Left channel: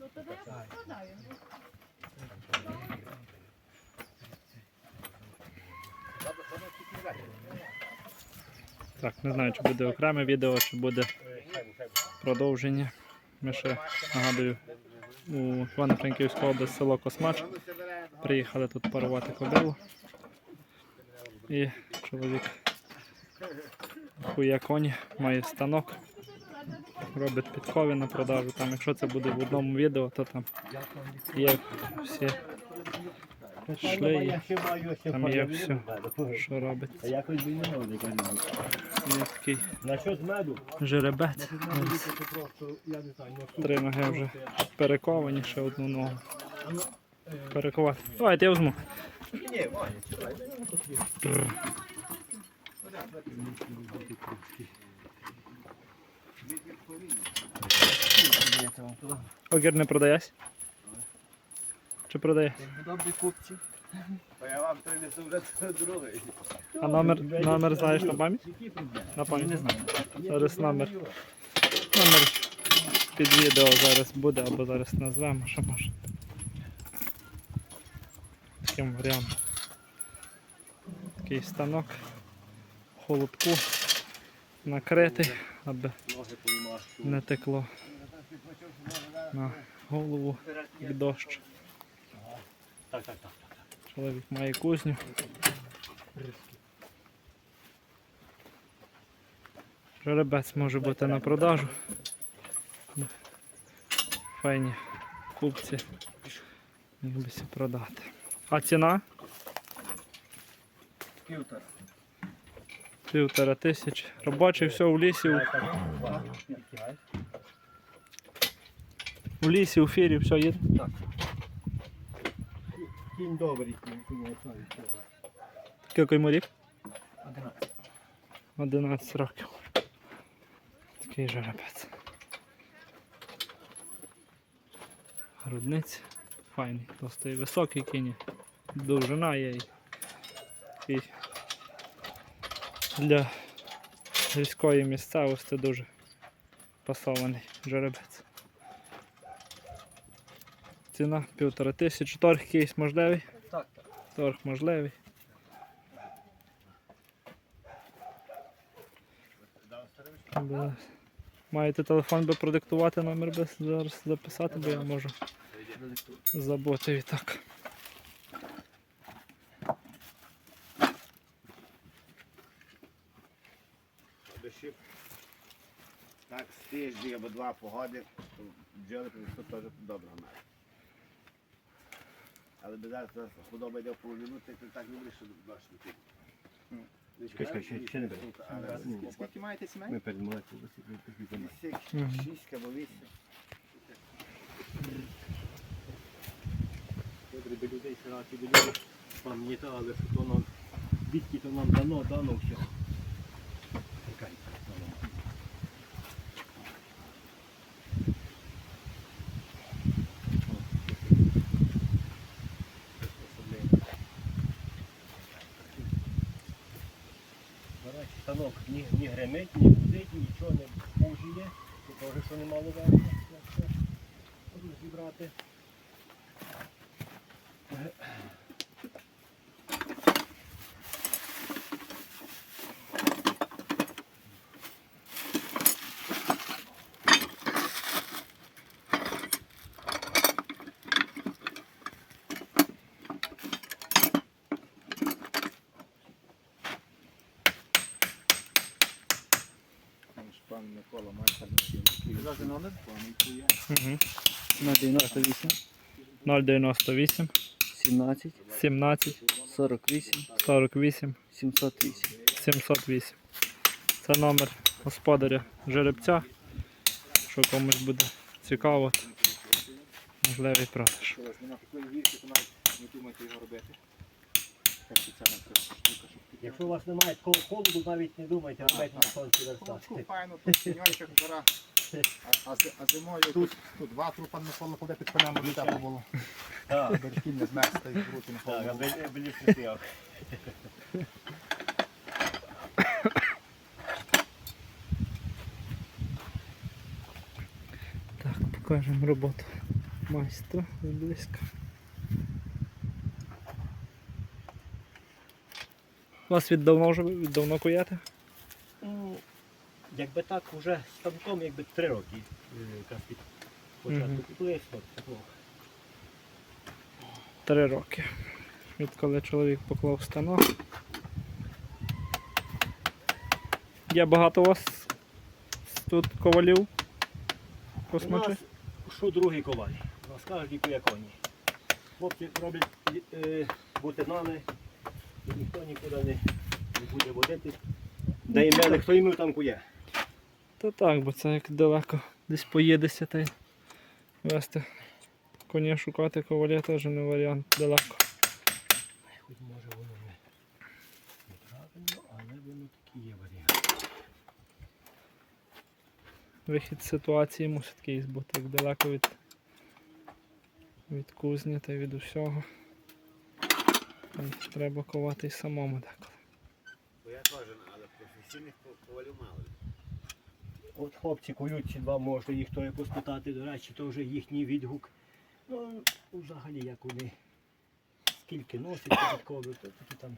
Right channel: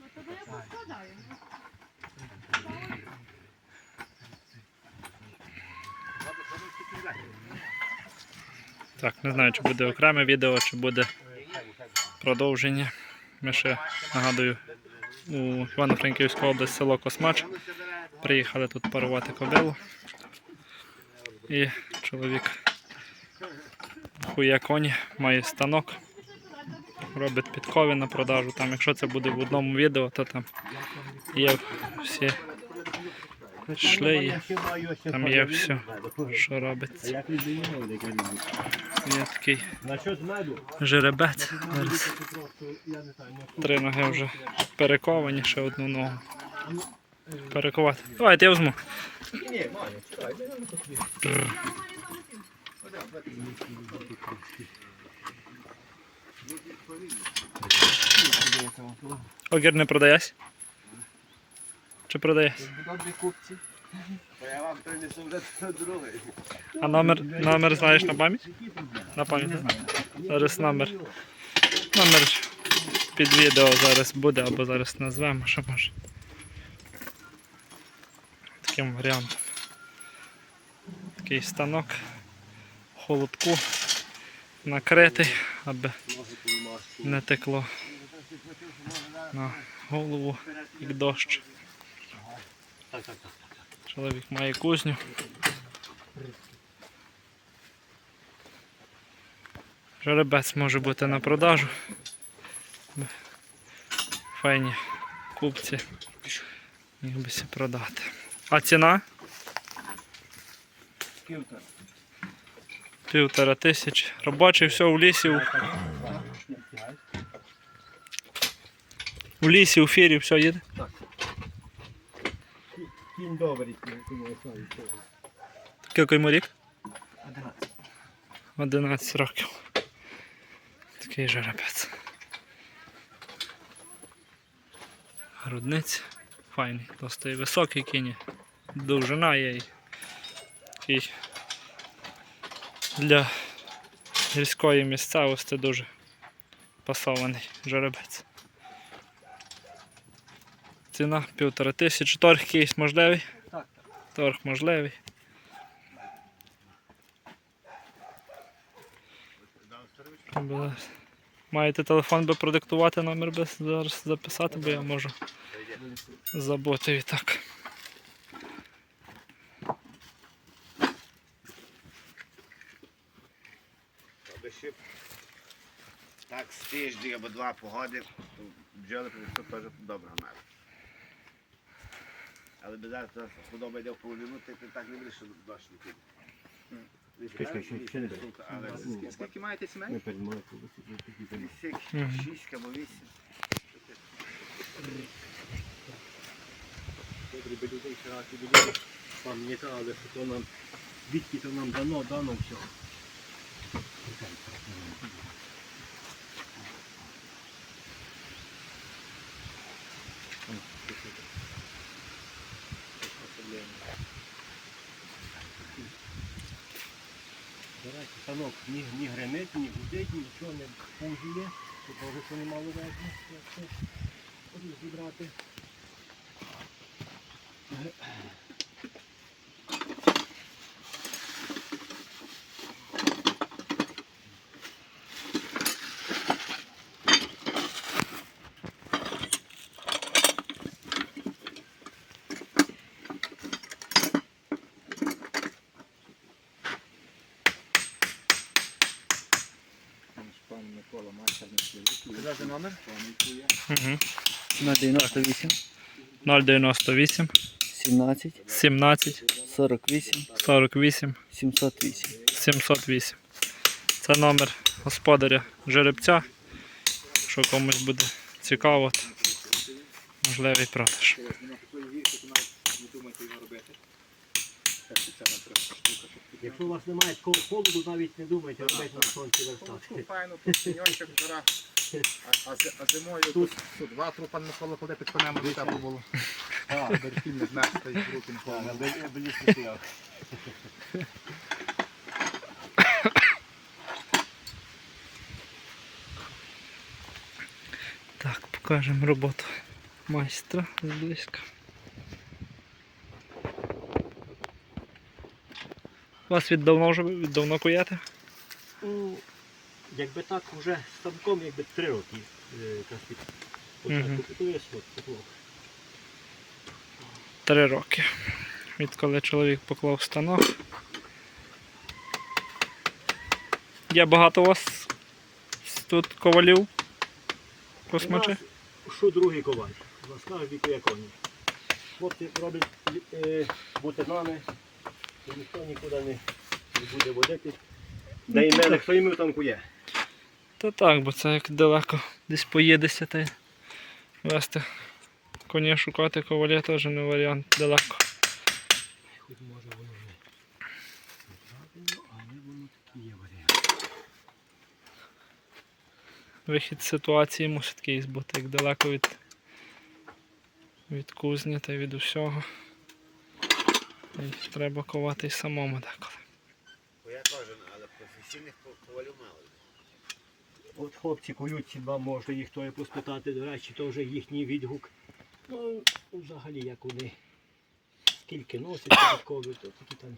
Ну, тоді я поскладаю. Так, не знаю, чи буде окреме відео, чи буде продовження. Ми ще нагадую у Івано-Франківську область село Космач. Приїхали тут парувати кобилу. І чоловік хуя коні, має станок, робить підкови на продажу. Там, якщо це буде в одному відео, то там є всі шлеї, там є все, що робиться. Є такий жеребець. Три ноги вже перековані, ще одну ногу. Перекувати. Давайте я візьму. Огір не продаєсь? Чи продаєш? Добрі купці. Я вам принесу вже другий. А номер, номер знаєш на пам'ять? На пам'ять. Зараз номер. Номер під відео зараз буде або зараз назвемо, що може. Таким варіантом. Такий станок, холодку накритий, аби не текло на голову, як дощ. Чоловік має кузню. Жеребець може бути на продажу. Файні купці. Міг би продати. А ціна? Півтора. Півтора тисяч. Робочий все у лісі. У, у лісі, у фірі все їде. Кінь добрий. Який йому рік? 11. 11 років. Такий жеребець. Грудниць. Файний, досить високий кінь. Довжина є. Для гірської місцевості дуже пасований жеребець. Ціна півтора тисячі. Торг якийсь можливий? Так, так. Торг можливий. Маєте телефон би продиктувати номер би зараз записати, бо я можу забути і так. Аби ще так з тиждень або два погоди, то бджоли принесуть теж доброго меду. Але без зараз худоба йде в половину, ти так не будеш, що дощ не піде. Не. Але Скільки маєте сімей? Такі землі. Шість або вісім. Добре, би людей ще раз і були, пам'ятали, що то нам, звідки то нам дано, дано все. Станок ні, ні гримить, ні гудить, нічого не пужує, того, що немало верхня, якщо розібрати. Пан Микола Майка на номер? Угу. На 98, 098 17, 17 48, 48 708. 708. Це номер господаря жеребця. Що комусь буде цікаво, то можливий продаж. Нема такої гірки, то навіть не думайте його робити. Як спеціально треба штука, щоб Якщо у вас немає такого холоду, навіть не думайте, робити на сонці Ну, верстати. Файно, тут сіньончик жара. А, а, зи- а зимою тут, тут два трупа Микола ходить під конем, тепло було. Так, Берегів не знести і руки не так, аби аби не стояв. Так, покажемо роботу майстра зблизька. Вас від давно вже від давно куєте? Ну, якби так вже станком, якби три роки е, якраз від початку. Три роки. Відколи чоловік поклав станок. Є багато у вас тут ковалів? У Космачі? нас що другий коваль. У нас кажуть віку як коні. Хлопці роблять е, бутинами, і ніхто нікуди не, не буде водити. Де і мене, хто йому там кує. Та так, бо це як далеко десь поїдеся та й вести коня шукати коваля теж не варіант далеко. Хоч може воно не, правильно, але воно такий є варіант. Вихід з ситуації мусить якийсь бути як далеко від, від кузні та від усього. Треба ковати й самому деколи. Бо я теж, але професійних ковалів мало. От хлопці кують ці два, можна їх то поспитати, до речі, то вже їхній відгук. Ну, взагалі, як вони скільки носять податкові, то такі там.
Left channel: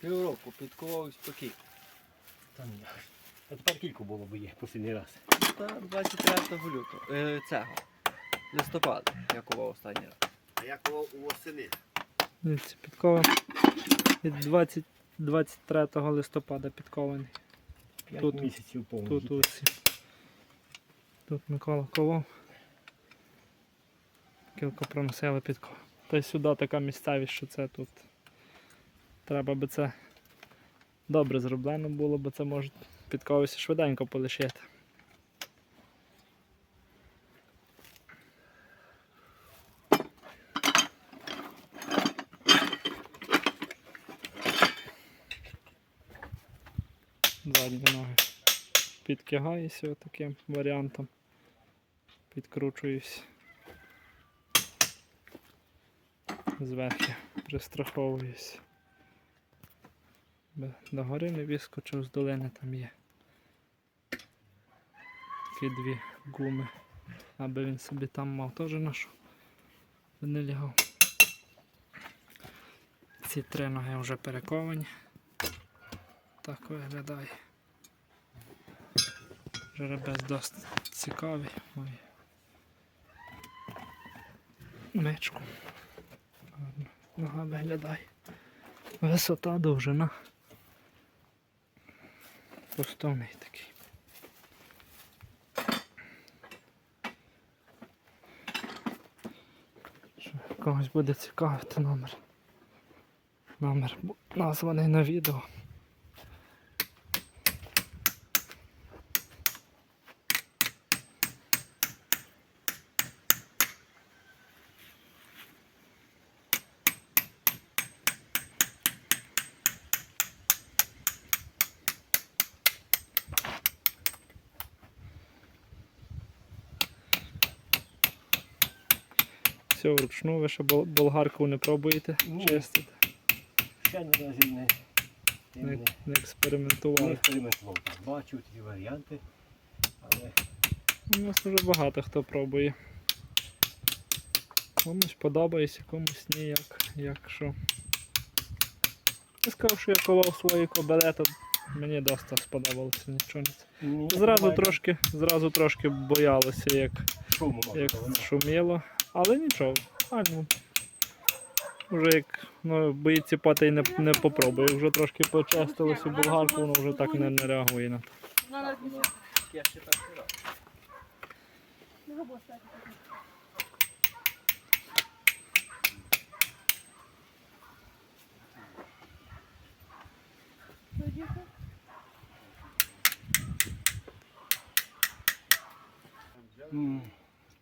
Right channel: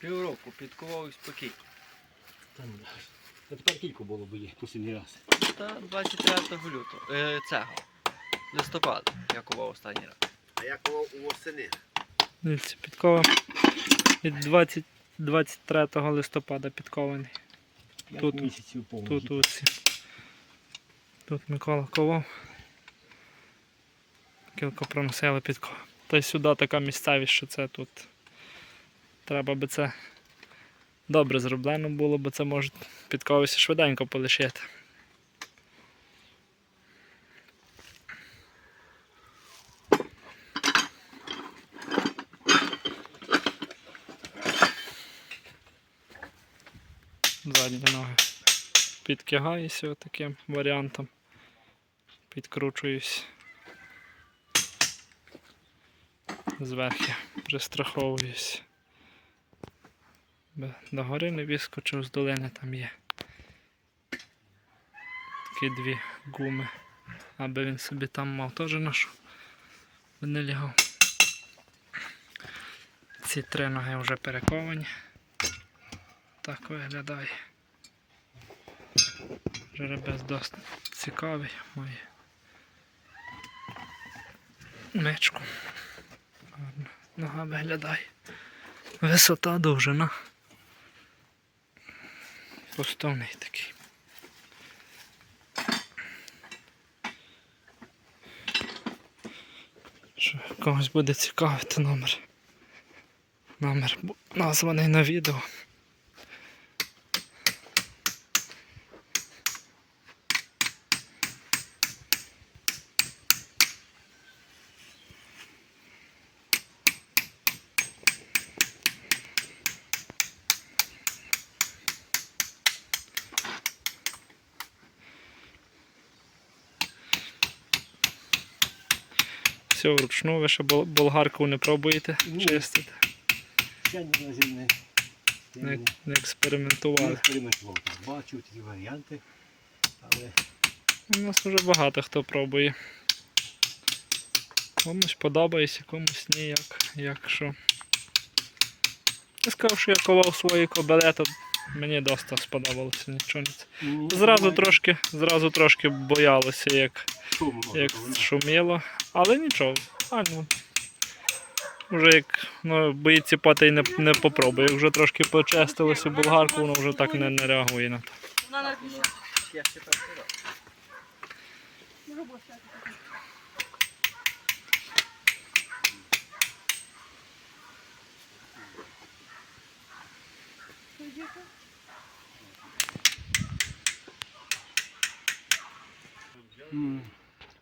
Півроку підкував спокій. там. А тепер кілько було б є останній раз. Та 23 лютого. Е, цього. Листопада. Я кував останній раз. А я ковав у восени. Дивіться, підкова від 20, 23 листопада підкований. Тут-. Тут усі. Тут Микола ковав. Кілько проносили підков. Та й сюди така місцевість, що це тут. Треба би це добре зроблено було, бо це може підковися швиденько полишити. Задні ноги підкигаюся таким варіантом. Підкручуюсь. Зверху пристраховуюсь. Би Догори не вискочив з долини там є. Такі дві гуми. Аби він собі там мав теж нашу. Не лягав. Ці три ноги вже перековані. Так виглядає. Жеребець досить цікавий має. Мечку. Нога виглядає. Висота довжина. Поставний такий. Що когось буде цікавити номер. Номер названий на відео. Все вручну, ви ще болгарку не пробуєте Ні. чистити. Ще ні разів не, Не, не, не експериментували. експериментував. Так, Бачив ті варіанти, але У нас вже багато хто пробує. Комусь подобається, комусь ні, як, як що. Я сказав, що я ковав свої кобеле, то мені досить сподобалося, нічого не. це. Зразу трошки, зразу трошки боялося, як, шуму як шуміло, але нічого. А, ну, вже як ну, боїться поти й не, не попробує. Вже трошки почистилося болгарку, воно вже так не, не реагує на то. На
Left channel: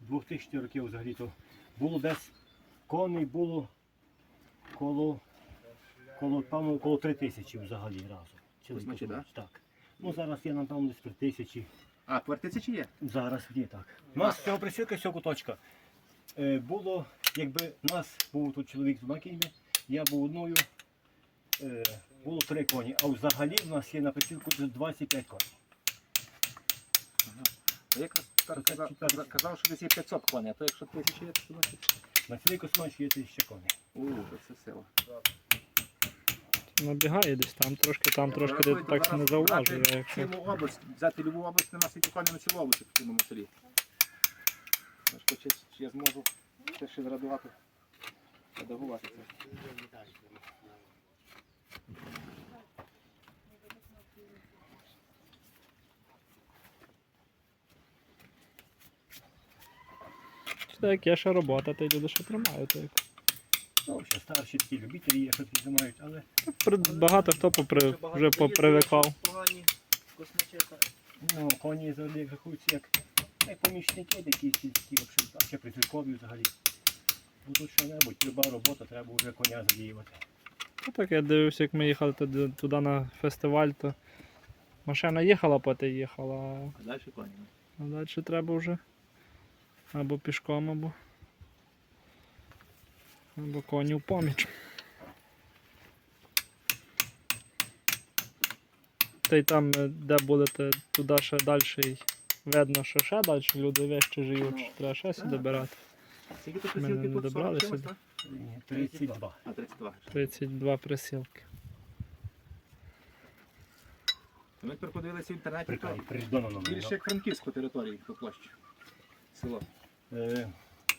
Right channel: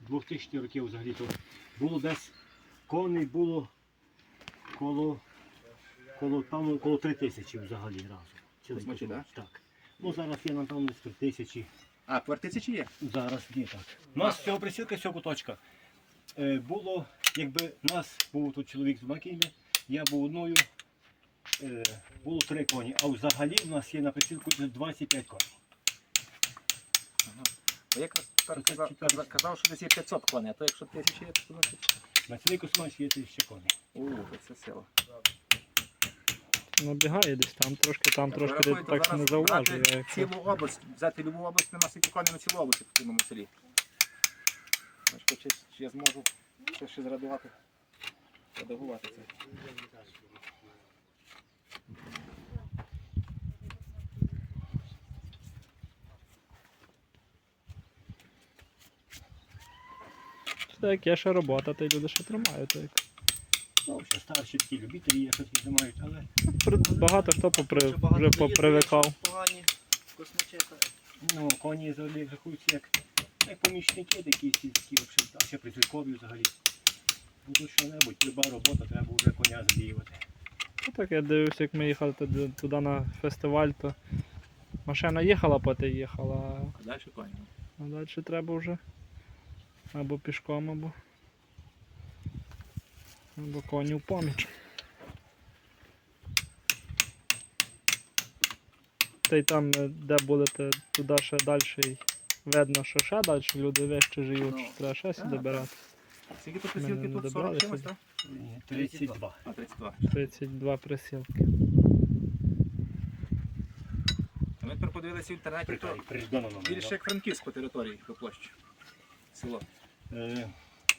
2000 років взагалі то було десь коней було коло коло певно коло 3 тисячі взагалі разом. Цілий космач, так? Ну зараз є напевно десь 3 тисячі. А, чи є? Зараз є так. У нас цього присілка, цього куточка. Е, було, якби нас був тут чоловік з Макіни, я був одною, е, було три коні, а взагалі в нас є на присілку 25 коней. Я якраз так казав, казав- казав, що десь є 500 коней, а то якщо тисячі є, то значить. На цілий космач є тисяча коней. У, то це сила. Набігає десь там трошки, там трошки Рахуйте, так зараз не зауважую. брати якщо Цілу область, взяти любу область, нема стільки коней на цілу область в цілому селі. Значить, чи, чи я зможу це ще зрадувати, редагувати це. Як є ще робота, то й люди ще тримають. Так. Ну, ще старші такі любителі є, що знімають, але При- Багато хто попри, Багато вже попривикав. Погані ну, коні взагалі як рахуються як, як помічники такі сільські, взагалі, а ще притулкові взагалі. Ну тут що-небудь, люба робота, треба вже коня задіювати. Ну, так я дивився, як ми їхали туди, туди на фестиваль, то машина їхала, поти їхала, Далі коні. а далі треба вже або пішком, або, або коні в поміч. Та й там, е, де будете, туди ще далі й видно, що ще далі люди вище живуть, що треба ще сюди брати. Скільки не присілки тут? 40 чимось, так? 32. А, 32. 32 присілки. Ми тепер подивилися в інтернеті, Прикай, більше як Франківськ по території, по площі. Село. Е,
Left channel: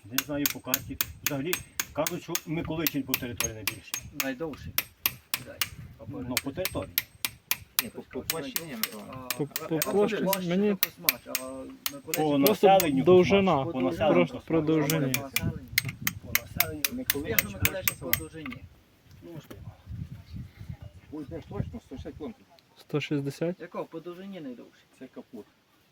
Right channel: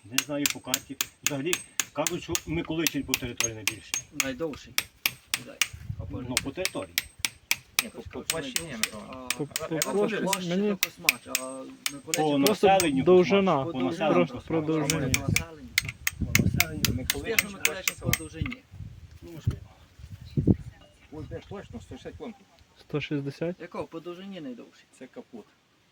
не знаю по карті. Взагалі кажуть, що Миколичин по території найбільше. найдовший. Ну, по території. Ні, по, по площі. По, мені По населенню довжина, по населенню про довжині. по населенню. Миколаївич по довжині. Можливо. Ось точно, 160 кілометрів. 160. Якого? По довжині найдовший. Це капут.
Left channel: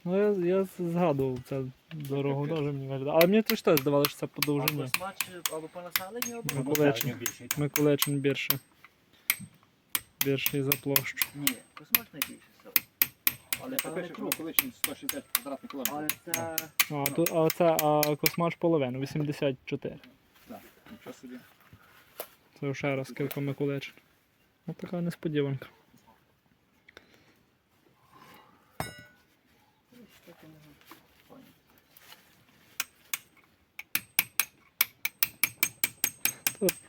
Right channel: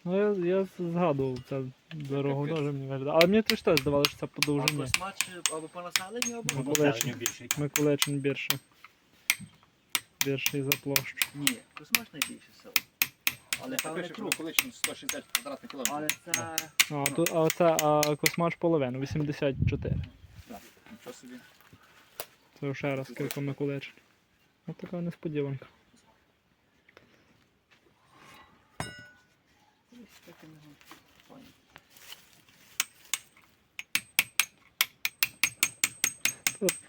Ну, я, я згадував це дорогу дуже мені виглядає. Але мені теж теж здавалося, що це по довжині. Космач або по населенню, або... По населенню більше. Миколаївчин більше. Більший за площу. Ні, Космач найбільше село. Але Це не круг, Миколаївщина 160 квадратних кілометрів. Але це... А, тут, а це а космач половину, 84. Так, Нічого собі. Це ще раз кілька Миколаївчин. Ось така несподіванка.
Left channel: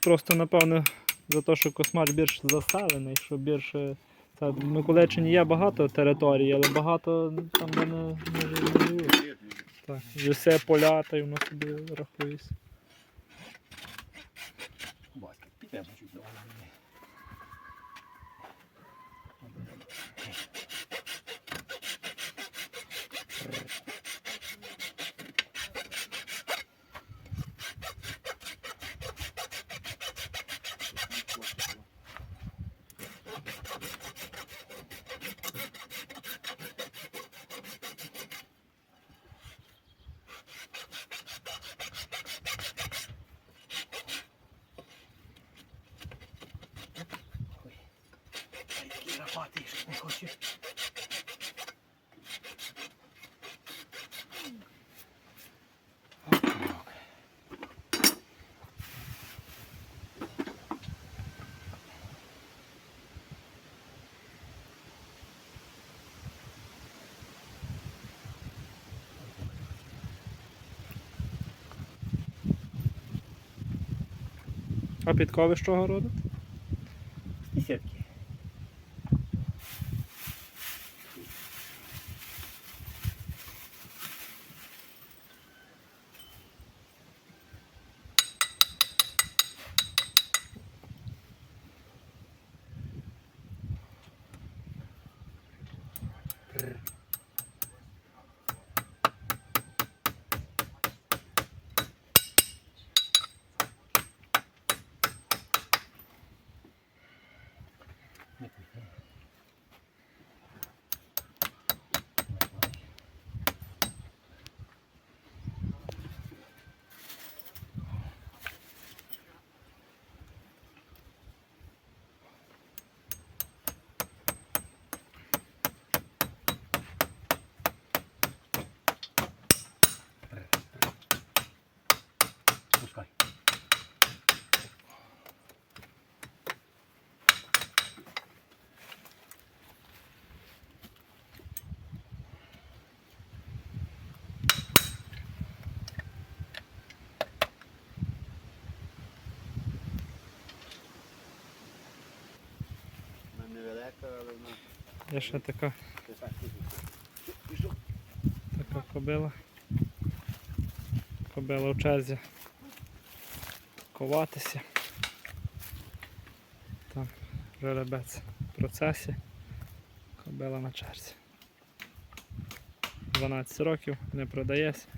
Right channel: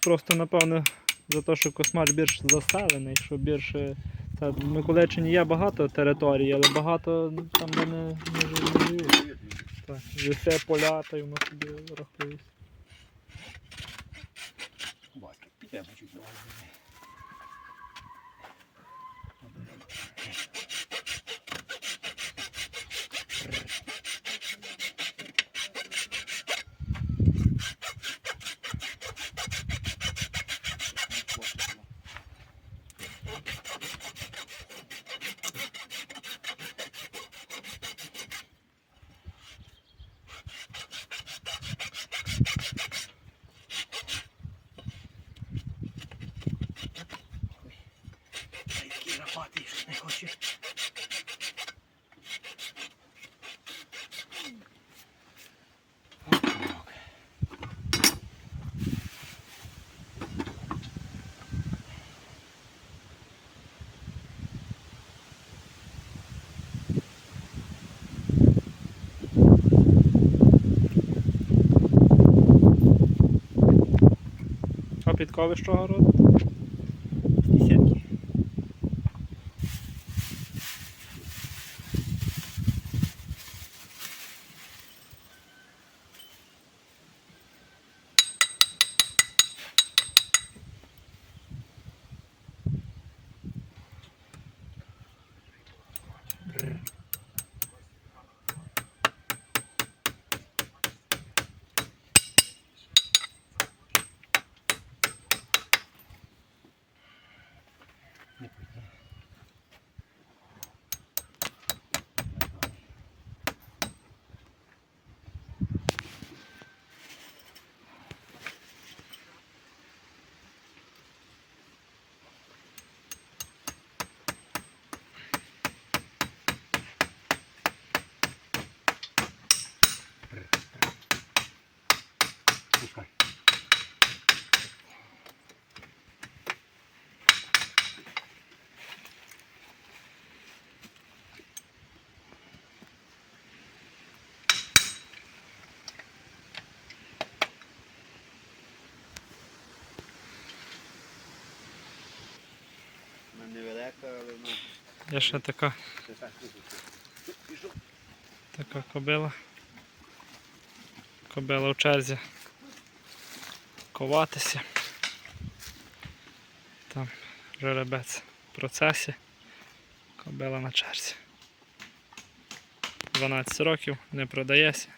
Просто, напевно, за те, що космач більш заселений, що більше. Та в Миколаївщині є багато територій, але багато там де не, не живуть. Так, і все поля, та й воно собі рахується. Такий лопатий, не хоче. А підкови з чого родить? Є ще така, така кобила. Кобила в черзі. Коватися. Там жеребець в процесі. Кобила на черзі. 12 років, не продається.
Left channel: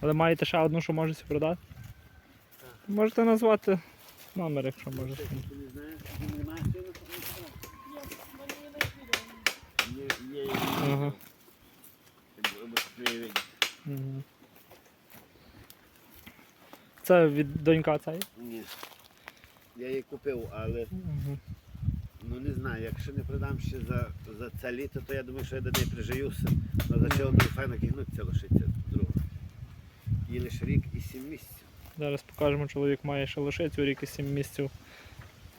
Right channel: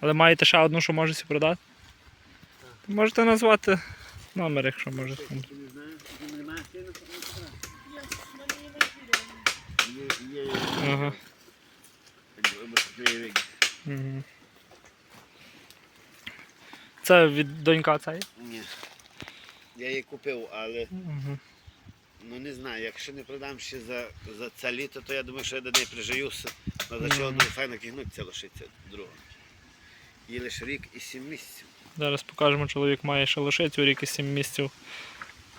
Але маєте ще одну, що можете продати? Можете назвати номер, якщо можете. Ти не знаєш, ти не маєш сина, то не знаю. Я в мене є на відео. Є, є, Ага. Угу. Це від донька цієї? Ні. Я її купив, але Угу. ну не знаю, якщо не продам ще за, за це літо, то я думаю, що я до неї прижиюся. Але за чого не файно кігнуться лишиться друга. Їй лише рік і сім місяців. Зараз покажемо, чоловік має ще лишицю рік і 7 місяців,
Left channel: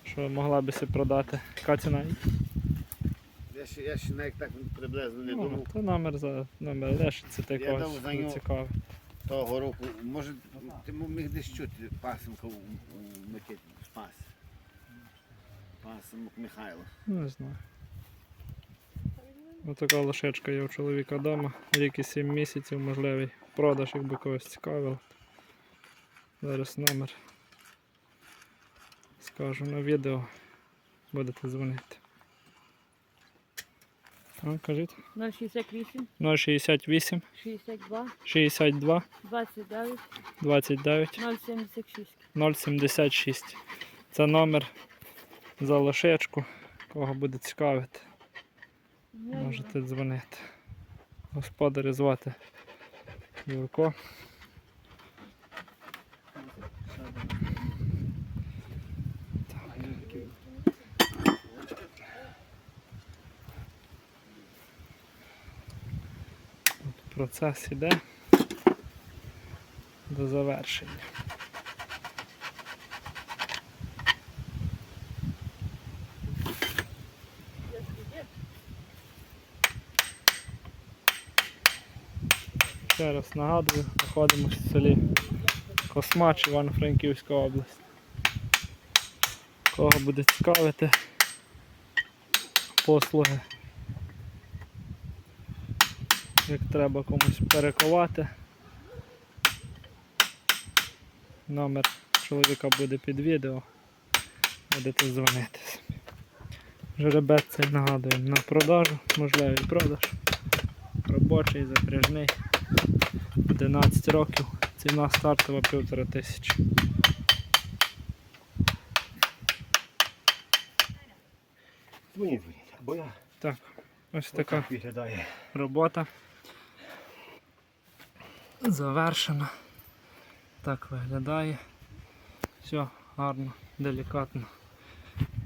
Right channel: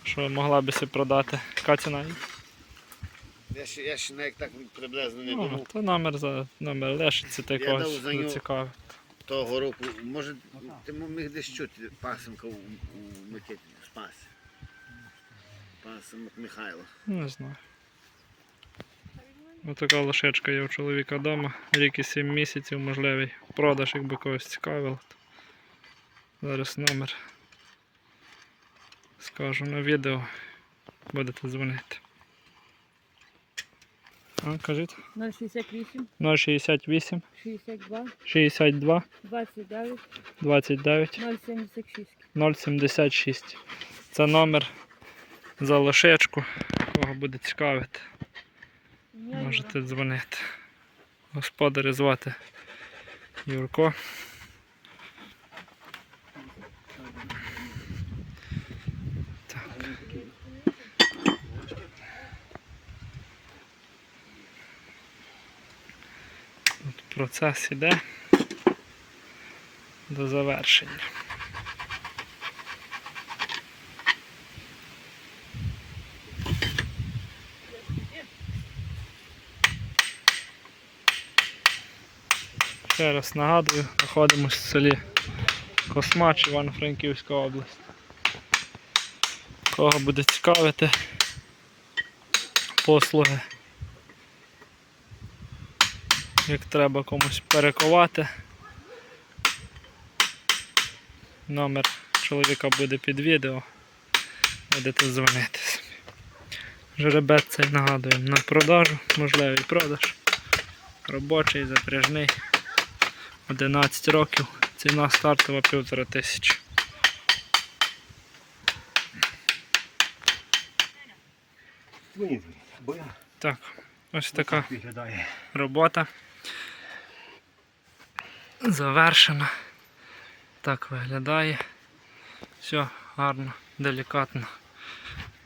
що могла би си продати. Яка ціна? Я ще, я ще навіть так приблизно не Ну, думав. то номер за номер лишиться та Я якогось дав за нього- зацікавить. Того року, може, ти міг десь чути пасенка у, у Микиті спас. Пасенок Михайло. Ну, Не знаю. Ось така лошечка є у чоловіка вдома. Рік і 7 місяців, можливий продаж, якби когось цікавило. Зараз номер скажу на відео. Будете дзвонити. А, кажіть. 068, 068 62, 62 29, 29 076. 076. Це номер за лошечку. Кого буде цікавити, можете дзвонити. Господаря звати Юрко. От процес іде до завершення. Ще раз нагадую, знаходимося в селі Космач, Івано-Франківська область. Кого буде цікавити послуги, як треба комусь перекувати. Номер чоловіка буде під відео. Будете дзвонити собі. Жеребець цей нагадуємо на продажу, можливий продаж. Робочий, запряжний. 11 років. Ціна стартова півтора тисячі. Так, ось така робота. Завершена. Так виглядає. Все гарно, делікатно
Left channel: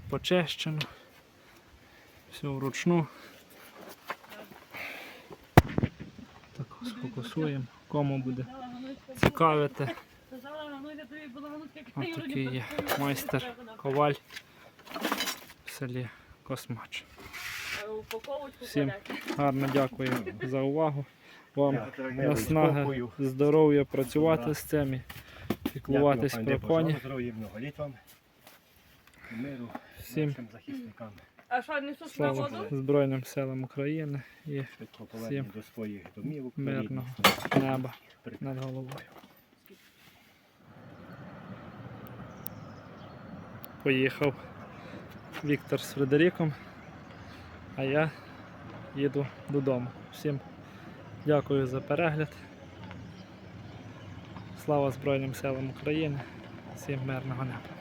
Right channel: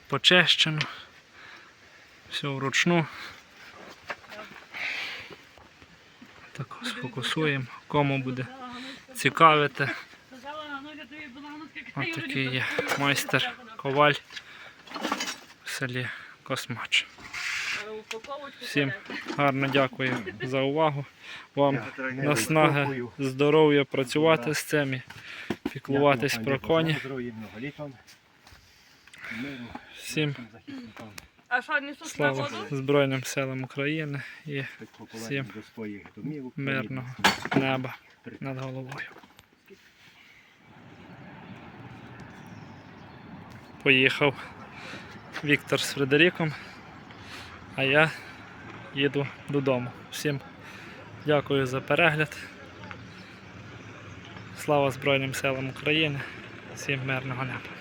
почищено. Все вручну. Так сфокусуємо. Кому буде цікавити. Ось такий є майстер коваль в селі Космач. Всім гарно дякую за увагу. Вам наснаги, здоров'я працювати з цим і піклуватись про коні. Всім слава? Збройним силам України і домівок. мирного неба над головою. Поїхав Віктор з Фредеріком, а я їду додому. Всім дякую за перегляд. Слава Збройним силам України. Всім мирного неба.